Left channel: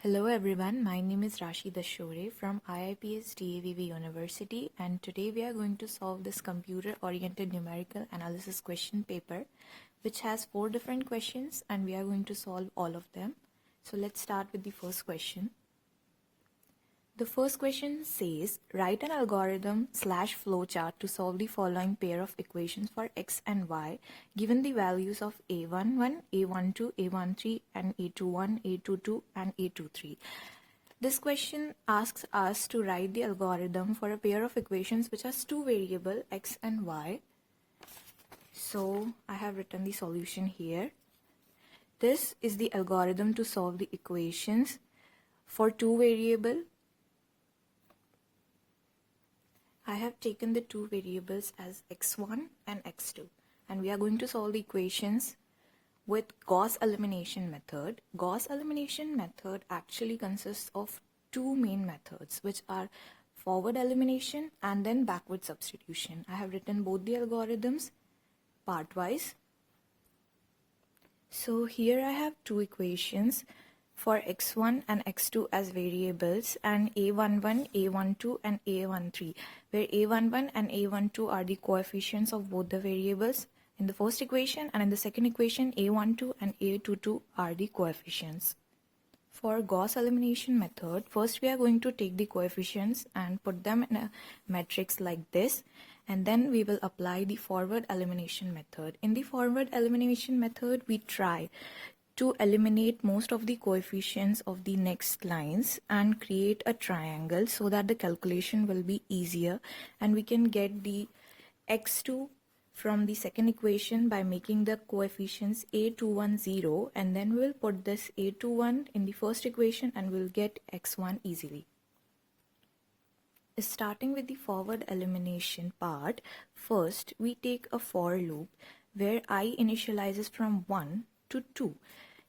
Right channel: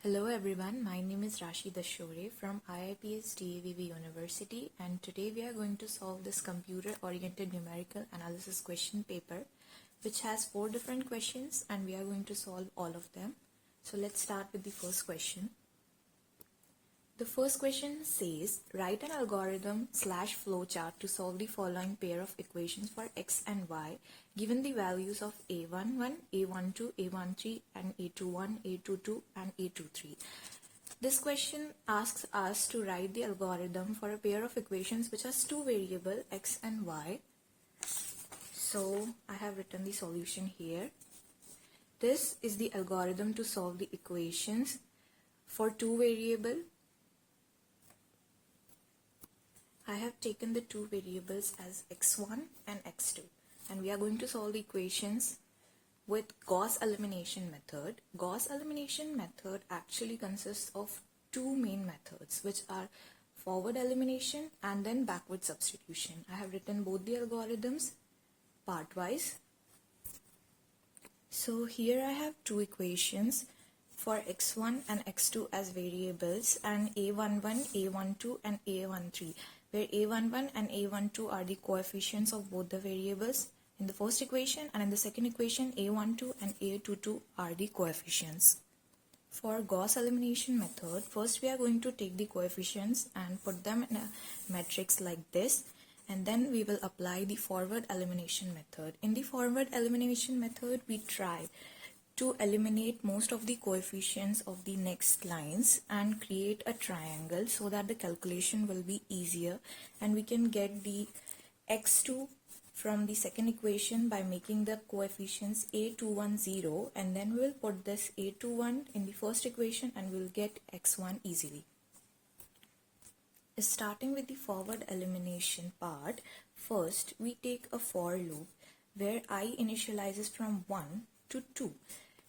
Hello everyone, my name is Rashi Dashore from IIPS DAVV University, and today we are going to solve this computer-oriented numerical analysis question paper which has 4 different questions and we are going to solve all of them. So let's start with the first question. The first question says, write an algorithm / flowchart to solve the following pair of equations for x and y given the values of a11, a12, a13 and a21, a22 and a23. This question asks us to write the algorithm for a pair of equations which has 2 variables x and y. So I have written the solution here. This is the algorithm to solve the equations for 2 variables. I have taken the 2 variables as x1 and x2 and we are going to solve the equations with Gauss elimination method. Gauss elimination method actually consists of 2 main methods which are forward elimination and then backward substitution. I have written both the algorithms part-wise. So here I have 2 equations for x1 and x2 as variables and a11, a12 and a13, where a11 and a12 are the coefficients of both the variables in the first equation, and in the second equation a12 and a22 are the coefficients. For Gauss elimination method, first we are going to take the coefficients and put them in a matrix like this, and then we will apply the forward elimination method. In the forward elimination method, we try to eliminate most of the coefficients of the next lines and create a triangle so that the calculation will be easier, and we can get the x2 from the second equation by making the coefficients a21 0, and then we'll put this a21 in the first equation and we'll get x1 easily. Starting with the forward elimination part, first we take a for loop where I initializes from 1 to 2.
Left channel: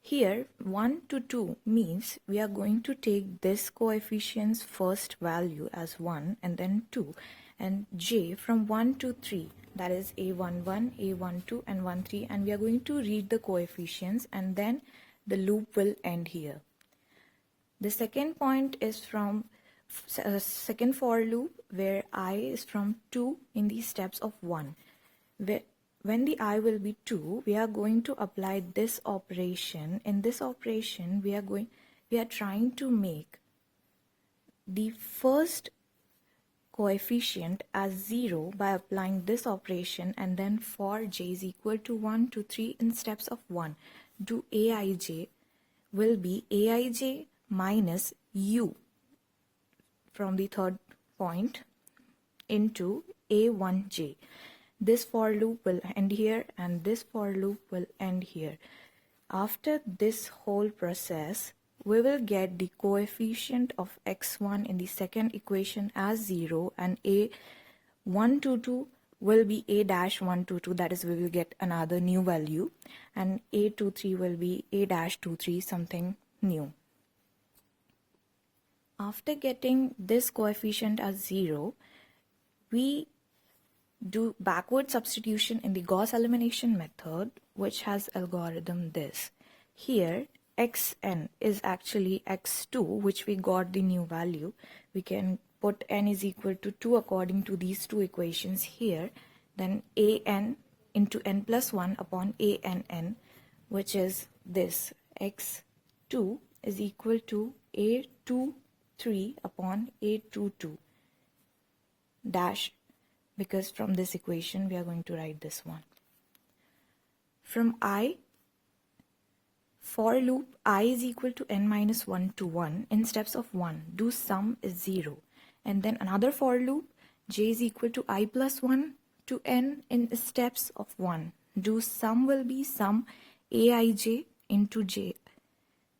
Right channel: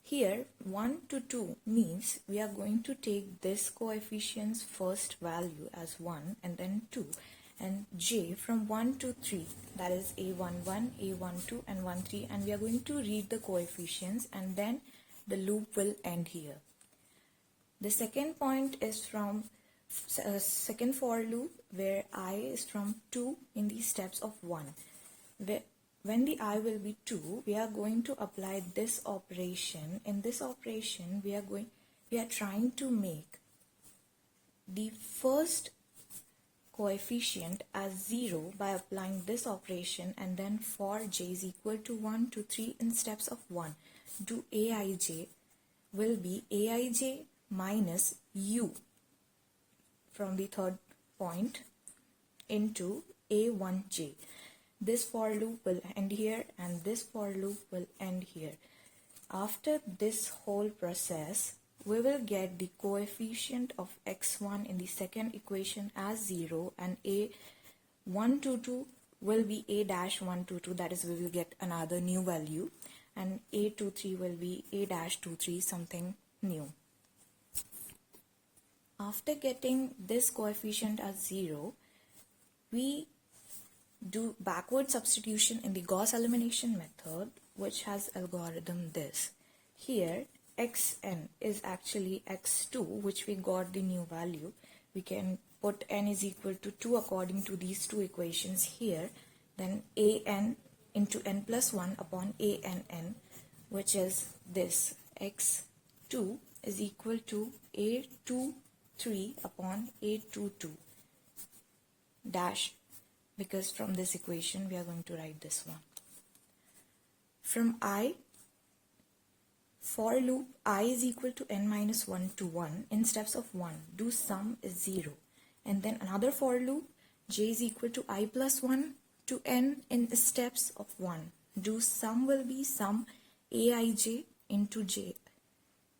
Here 1 to 2 means we are going to take this coefficient's first value as 1 and then 2, and j from 1 to 3, that is a11, a12 and 13, and we are going to read the coefficients and then the loop will end here. The second point is from second for loop where I is from 2 in the steps of 1. When the I will be 2, we are going to apply this operation. In this operation, we are trying to make the first coefficient as 0 by applying this operation, and then for j is equal to 1 to 3 in steps of 1, do aij will be aij minus u from the third point into a1j. This for loop will end here and this for loop will end here. After this whole process, we will get the coefficient of x1 in the second equation as 0, and a122 will be a-122, that is we will get another new value, and a23 will be a-23, something new. After getting this coefficient as 0, we do backward substitution in the Gauss elimination method, which has algorithm this. Here xn is actually x2, which we got the new value. We can put n is equal to 2 according to these 2 equations here. Then an into n plus 1 upon ann, which is this. x2 is equal to a23 upon a22 dash, because from this equation we are going to write this one. From I, for loop I is equal to n minus 1 to 1 in steps of 1, do sum is 0, and then another for loop j is equal to I plus 1 to n in steps of 1, do sum will be sum aij into j,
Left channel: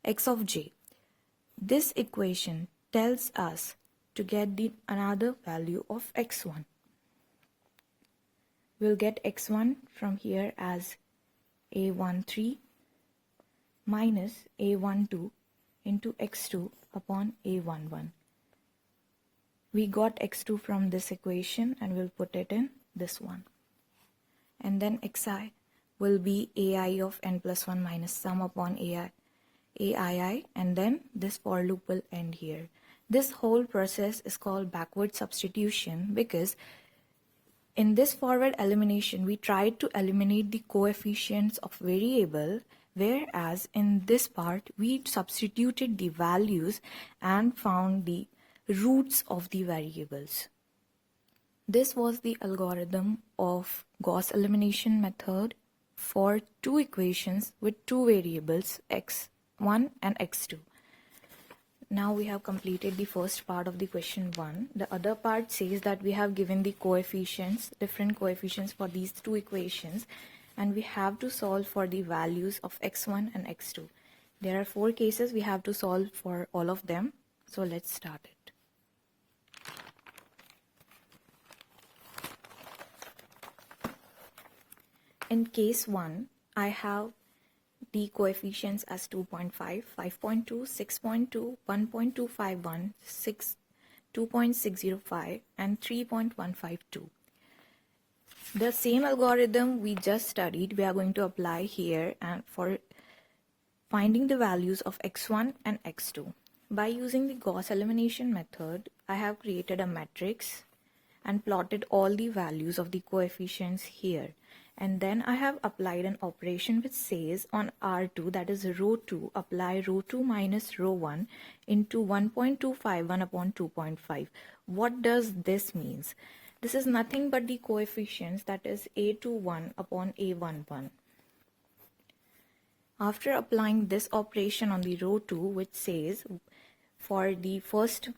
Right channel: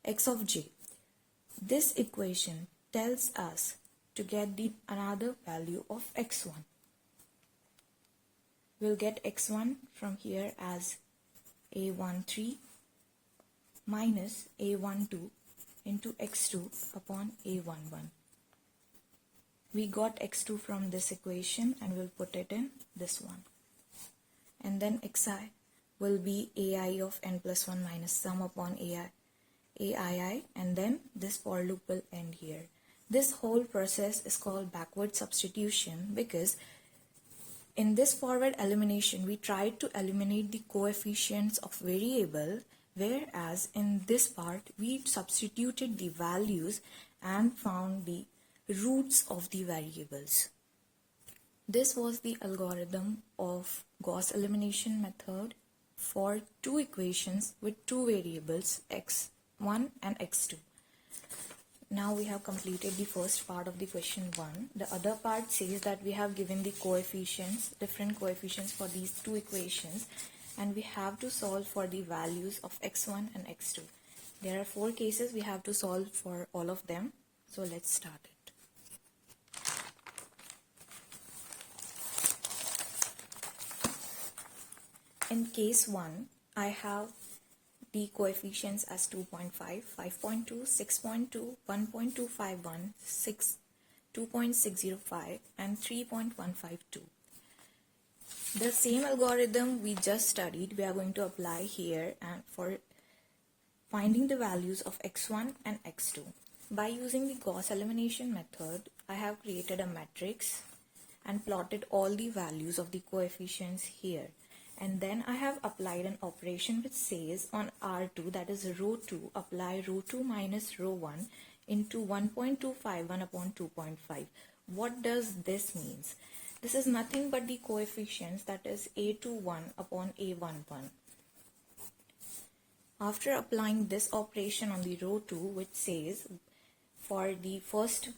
x of j. This equation tells us to get the another value of x1. We'll get x1 from here as a13 minus a12 into x2 upon a11. We got x2 from this equation and we'll put it in this one. And then xi will be ai of n plus 1 minus sum upon ai AII, and then this for loop will end here. This whole process is called backward substitution because in this forward elimination, we tried to eliminate the coefficients of variable, whereas in this part, we substituted the values and found the roots of the variables. This was the algorithm of Gauss elimination method for two equations with two variables x1 and x2. Now we have completed the first part of the question 1. The other part says that we have given the coefficients, different coefficients for these two equations, and we have to solve for the values of x1 and x2. There are 4 cases we have to solve for all of them. So let's start it. In case 1, I have the coefficients as 2.5, 5.2, 6.2, 1.251, 2.605 and 3.152. The same algorithm we just studied, we are going to apply here and for finding the values of x1 and x2. By using the Gauss elimination method, I have created a matrix and plotted all the values of the coefficients here. And then I have applied an operation which says on R2, that is row 2, apply row 2 minus row 1 into 1.251 upon 2.5. What does this means? This is nothing but the coefficients, that is A21 upon A11. After applying this operation on the row 2, which says for the first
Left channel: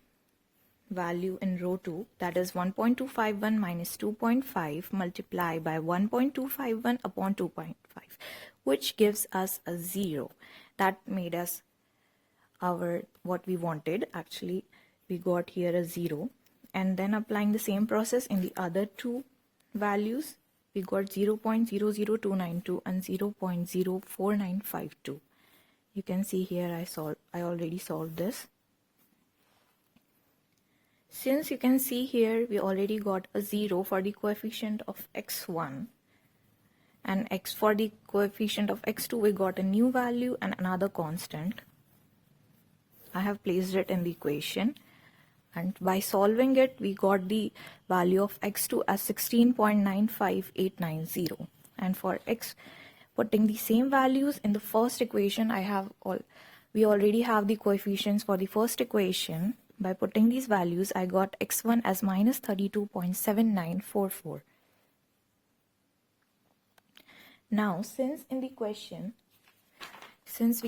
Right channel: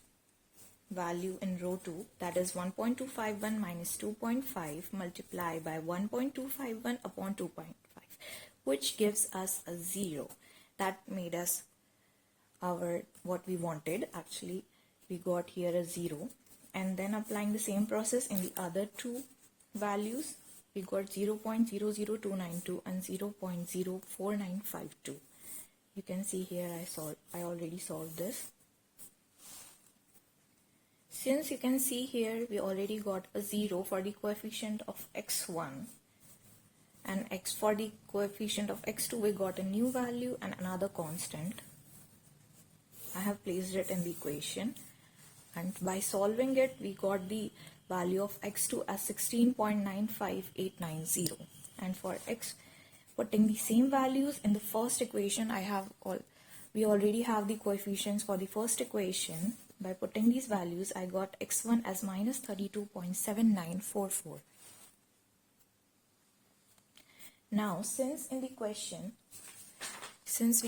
value in row 2, that is 1.251 minus 2.5 multiplied by 1.251 upon 2.5, which gives us a 0. That made us our what we wanted. Actually, we got here a 0. And then applying the same process in the other two values, we got 0.00292 and 0.04952. You can see here I already solved this. Since you can see here, we already got a 0 for the coefficient of x1 and x for the coefficient of x2, we got a new value and another constant. I have placed it in the equation, and by solving it, we got the value of x2 as 16.95890. And for x, putting the same values in the first equation, we already have the coefficients for the first equation. By putting these values, I got x1 as minus 32.7944. Now, since we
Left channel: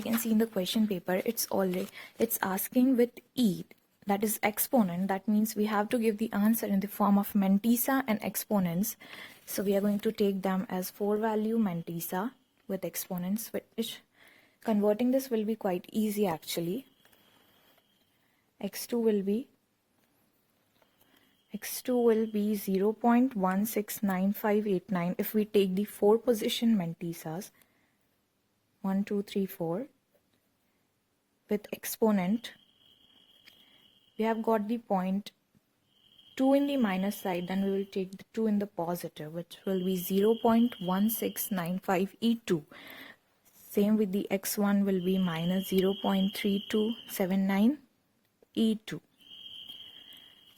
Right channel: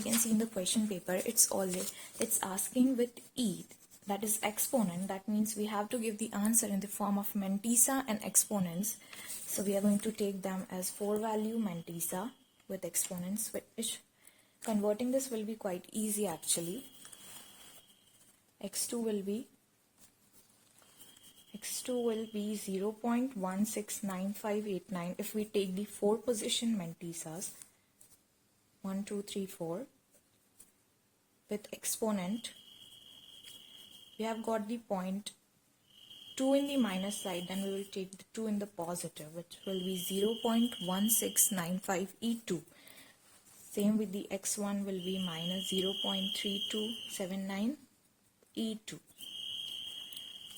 can see in the question paper, it's asking with e, that is exponent. That means we have to give the answer in the form of mantissa and exponents. So we are going to take them as 4-value mantissa with exponents, which converting this will be quite easy actually. x2 will be 0.169589 if we take the 4 position mantissas 1, 2, 3, 4 with exponent. We have got the point 2 in the minus side, then we will take the 2 in the positive, which will be 0.1695e2. Same with the x1 will be minus 0.3279 E2.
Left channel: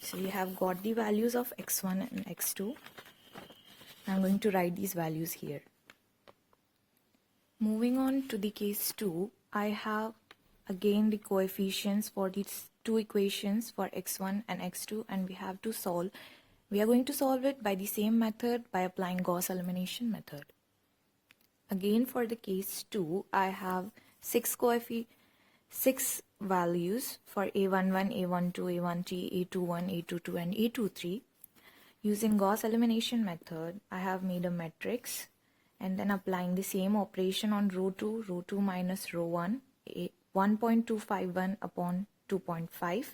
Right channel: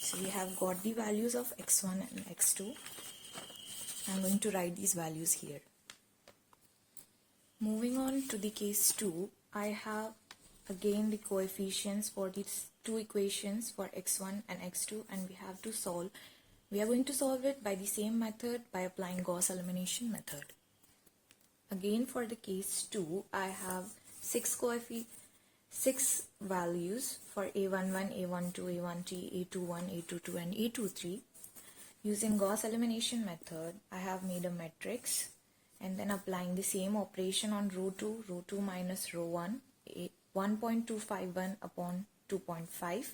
So we have got the values of x1 and x2. I'm going to write these values here. Moving on to the case 2, I have again the coefficients for these two equations for x1 and x2, and we have to solve. We are going to solve it by the same method, by applying Gauss elimination method. Again for the case 2, I have 6 values for A11, A12, A13, A21, A22 and A23. Using Gauss elimination method, I have made a matrix and then applying the same operation on row 2 minus row 1, 1.251 upon 2.5,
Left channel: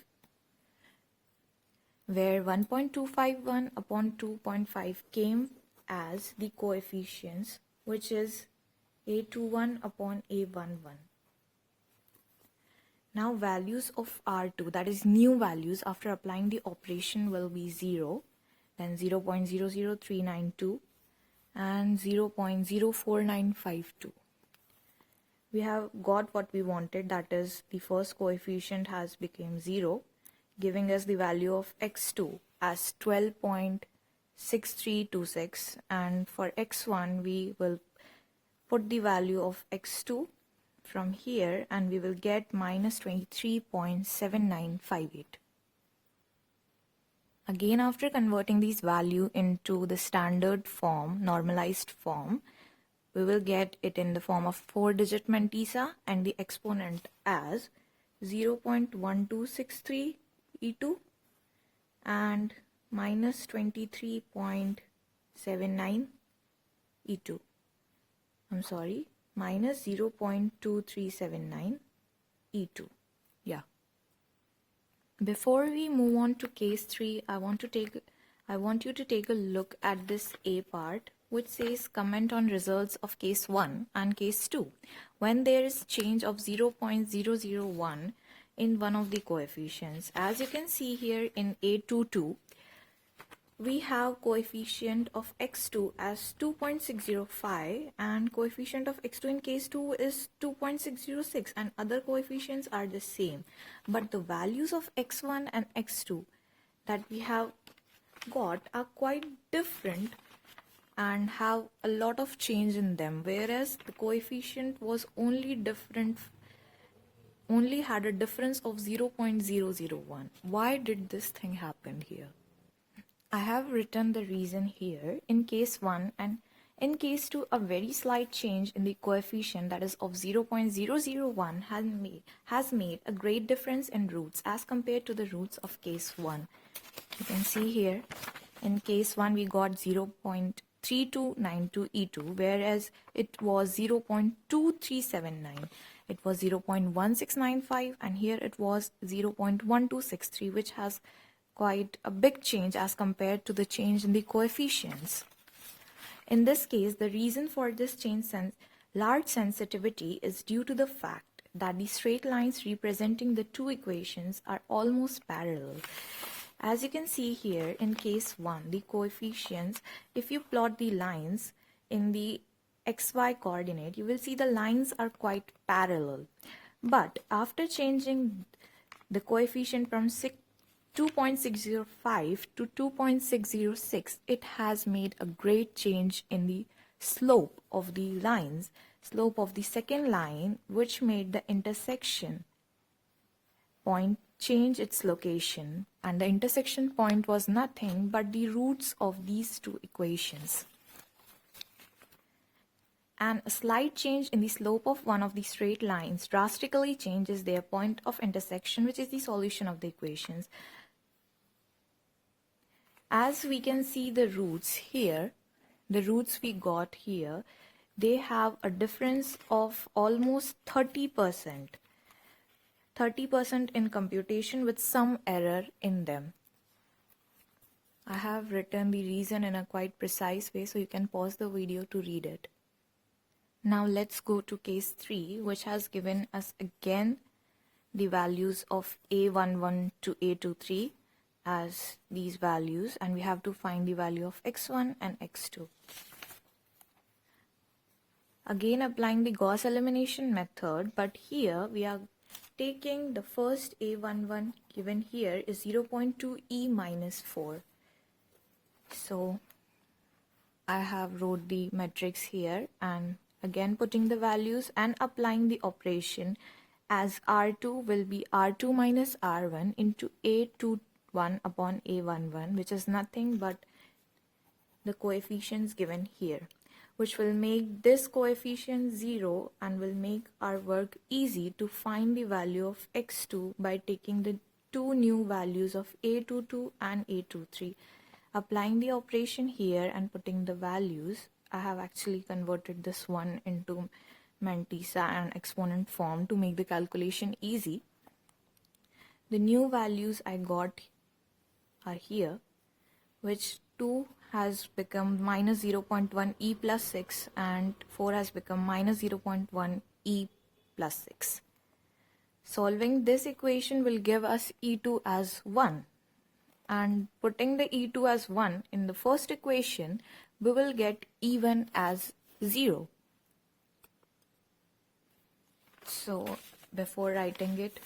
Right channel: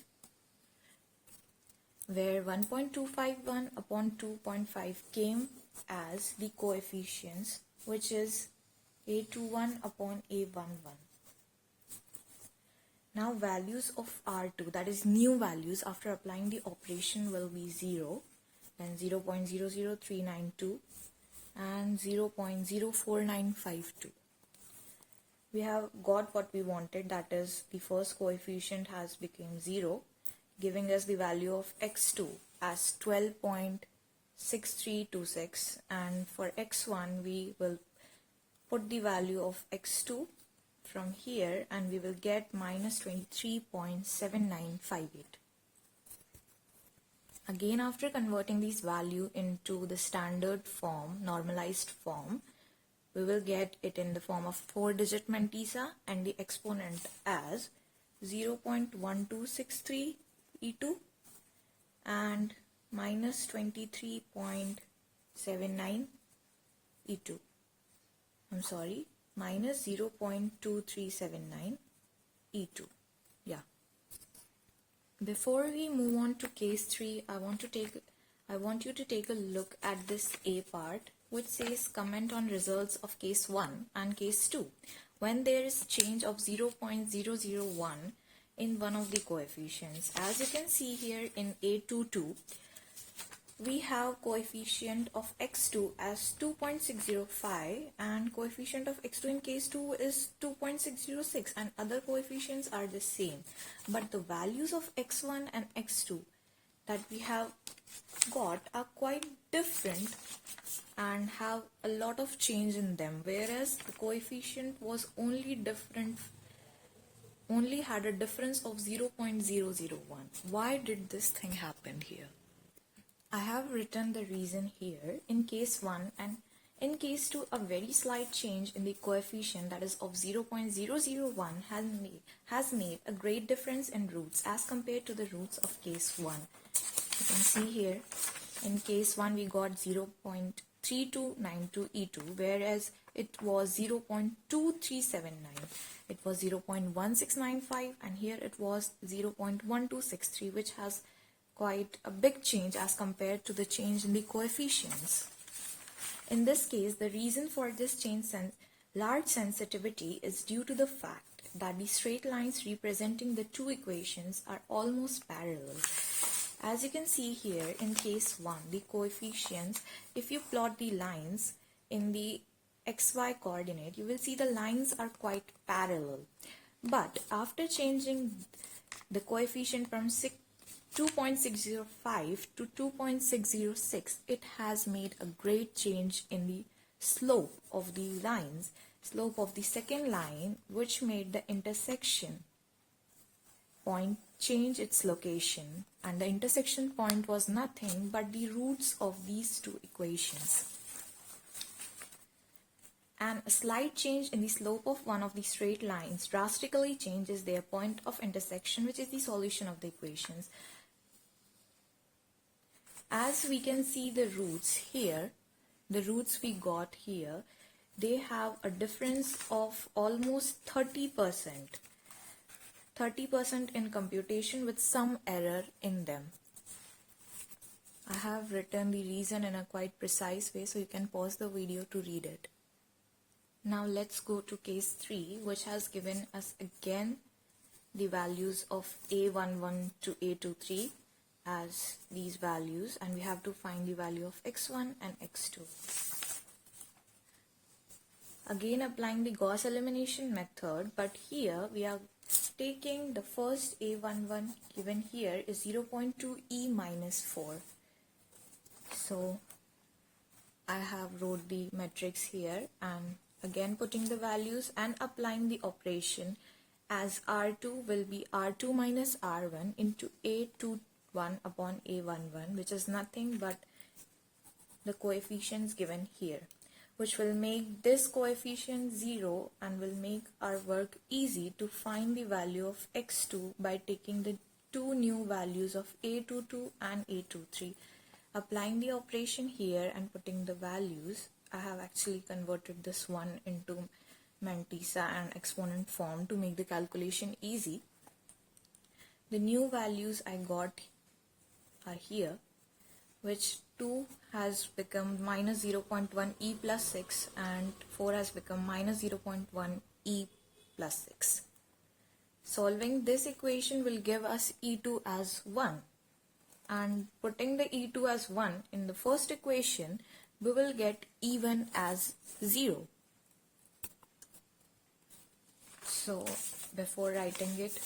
where 1.251 upon 2.5 came as the coefficients, which is A21 upon A11. Now values of R2, that is new values after applying the operation, will be 0, then 0.00392 and 0.04952. we have got what we wanted, that is the first coefficient has become 0, giving us the value of x2 as 12.6326, and for x1 we will put the value of x2 from here and we will get minus 23.7958. Again, after converting these value into the standard form, normalized form, we will get it in the form of 4-digit mantissa and the exponent as 0.1263 e2 and minus 23.79 e2. I'm sorry, minus 0.2379 e2. Yeah. Before we move on to case 3, I want you to take a look at this A part, which says comment on results of case 1 and case 2 when there is change of 0.001 in one of the coefficients. As you can see here in A22, we have coefficient of x2 as 2.605 and coefficient of x2 in case 2 is 2.606, and other coefficients are the same, but the values of x1 and x2 that we have got are quite different and have a lot of change in them, whereas the coefficient was only had a difference of 0.001. Why did this thing happen here? I have written the reason here. In case 1 and in case 2, a very slight change in the coefficient, that is of 0.001, has made a great difference in roots as compared to the roots of case 1. You can see here, in case 1 we got 0.3292 e2, whereas it was 0.2379. It was 0.1695 and here it was 0.1263, which has quite a big change as compared to the change in the coefficients. In this case, the reason for this change large sensitivity is due to the fact that the straight lines representing the two equations are almost parallel. As you can see here in case 1, the coefficients, if you plot the lines in the xy coordinate, you will see the lines are quite parallel. But after changing the coefficient from 2.605 to 2.606, it has made a great change in the slope of the lines, slope of the second line, which made the intersection point change its location, and the intersection point was nothing but the roots of these two equations. And a slight change in the slope of one of the straight lines drastically changes their point of intersection, which is the solution of the equations. As we can see the roots here, the roots we got here, they have a difference of almost 30%. 30% in computation with some error in them. I have written the reason in a quite precise way, so you can pause the video to read it. Now let's go to case 3, which has given us again the values of A11 to A23 as these values, and we have to find the value of x1 and x2. Again applying the Gauss elimination method, but here we are taking the first A11 given here is 0.2 e minus 4. So I have wrote the matrix here and again putting the values and applying the operation, as R2 will be R2 minus R1 into A21 upon A11, which is nothing but the coefficients given here, which will make this coefficient 0 and will make our work easy to find the value of x2 by taking the two new values of A22 and A23. Applying the operation here and putting the values, I have actually converted this one into mantissa and exponent form to make the calculation easy. The new values I got are here, which 2 has become minus 0.1 e plus 6 and 4 has become minus 0.1 e plus 6. Solving this equation will give us E2 as 1, and putting the E2 as 1 in the first equation, we will get E1 as 0. So before writing it,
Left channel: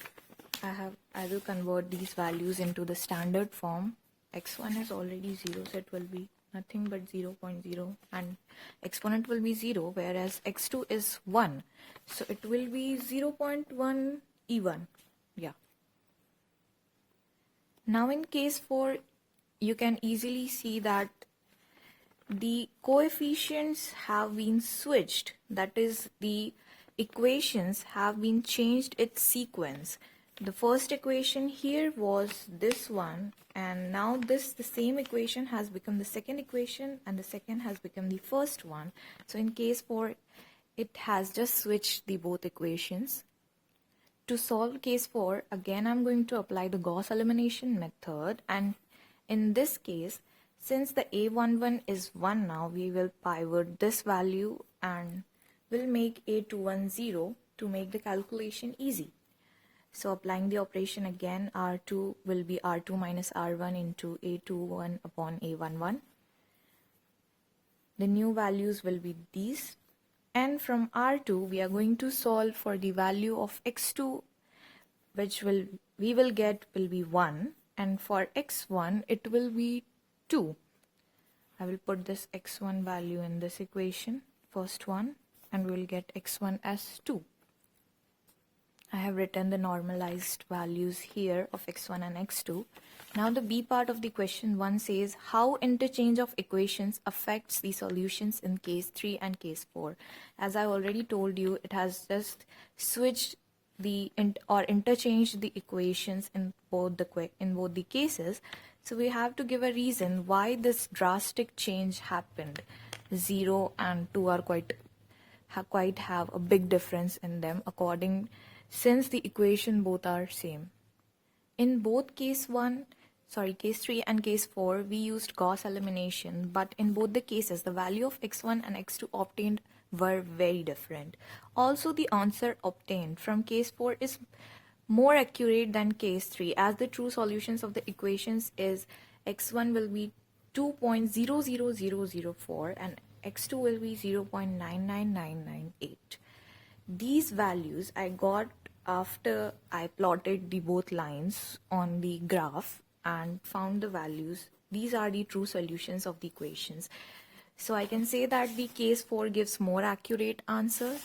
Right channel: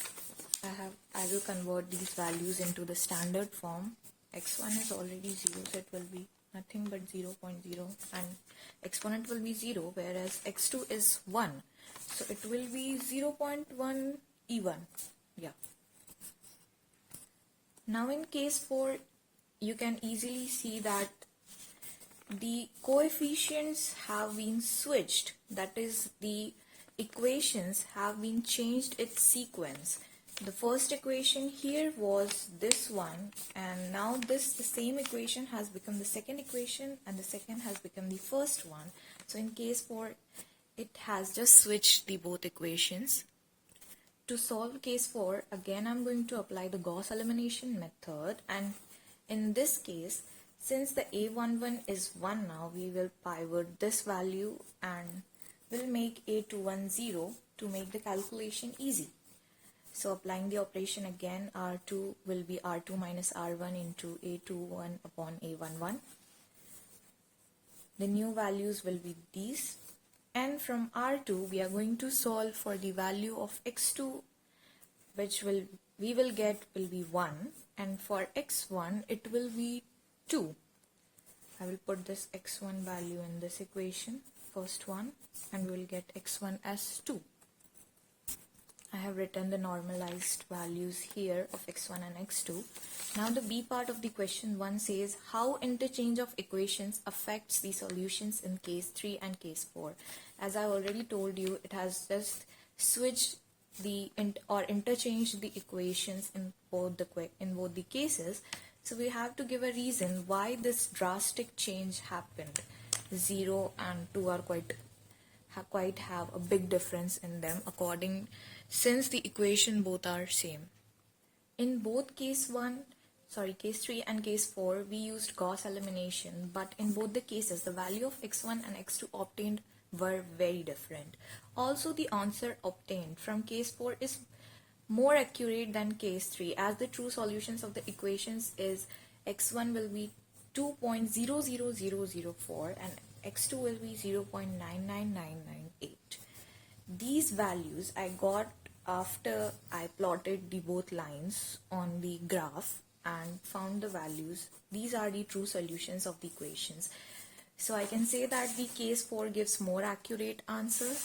I will convert these values into the standard form. X1 is already 0, so it will be nothing but 0.0, and exponent will be 0, whereas x2 is 1, so it will be 0.1 E1. Yeah. Now in case 4, you can easily see that the coefficients have been switched, that is, the equations have been changed its sequence. The first equation here was this one, and now the same equation has become the second equation, and the second has become the first one. So in case 4, it has just switched the both equations. To solve case 4, again I'm going to apply the Gauss elimination method, and in this case, since the A11 is 1 now, we will pivot this value and we'll make A21 0 to make the calculation easy. So applying the operation again, R2 will be R2 minus R1 into A21 upon A11. The new values will be these. And from R2, we are going to solve for the value of x2, which we will get will be 1, and for x1 it will be 2. I will put this x1 value in this equation, first one, and we will get x1 as 2. I have written the normalized values here of x1 and x2. Now the B part of the question 1 says how interchange of equations affects the solutions in case 3 and case 4. As I already told you, it has just switched or interchanged the equations in both the cases. So we have to give a reason why this drastic change happened. 0 and 2 are quite have a big difference in them since the equation both are same. In both case 3 and case 4, we used Gauss elimination, but in both the cases, the value of x1 and x2 obtained were very different. Also, the answer obtained from case 4 is more accurate than case 3, as the true solutions of the equations is x1 will be 2.00004 and x2 will be 0.99998. These values I got after I plotted the both lines on the graph and found the values. These are the true solutions of the equations. So I can say that the case 4 gives more accurate answer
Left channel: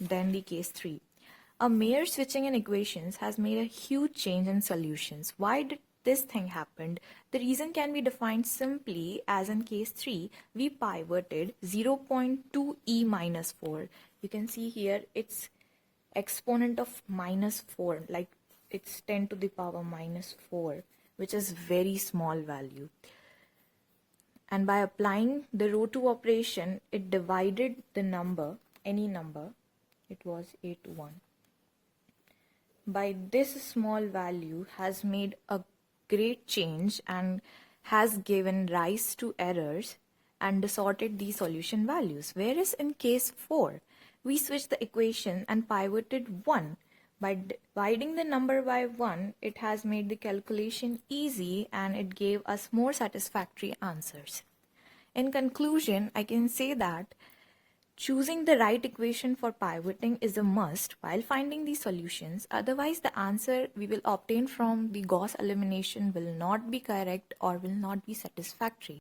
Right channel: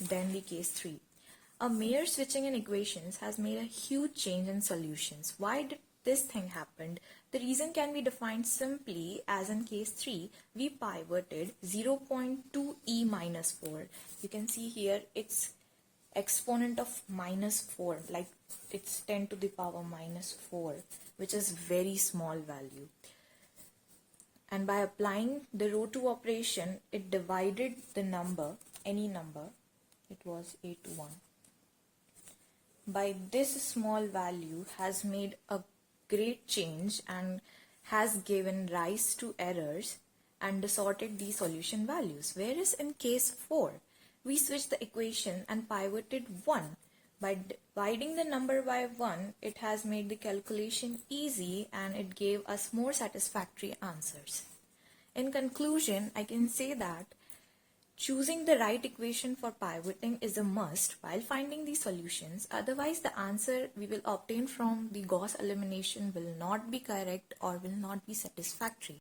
than the case 3. A mere switching in equations has made a huge change in solutions. Why did this thing happen? The reason can be defined simply as in case 3, we pivoted 0.2 e minus 4. You can see here it's exponent of minus 4, like it's 10 to the power minus 4, which is very small value. And by applying the row 2 operation, it divided the number, any number, it was A21. By this small value has made a great change and has given rise to errors and distorted the solution values. Whereas in case 4, we switched the equation and pivoted 1. By dividing the number by 1, it has made the calculation easy and it gave us more satisfactory answers. In conclusion, I can say that choosing the right equation for pivoting is a must while finding the solutions. Otherwise, the answer we will obtain from the Gauss elimination will not be correct or will not be satisfactory.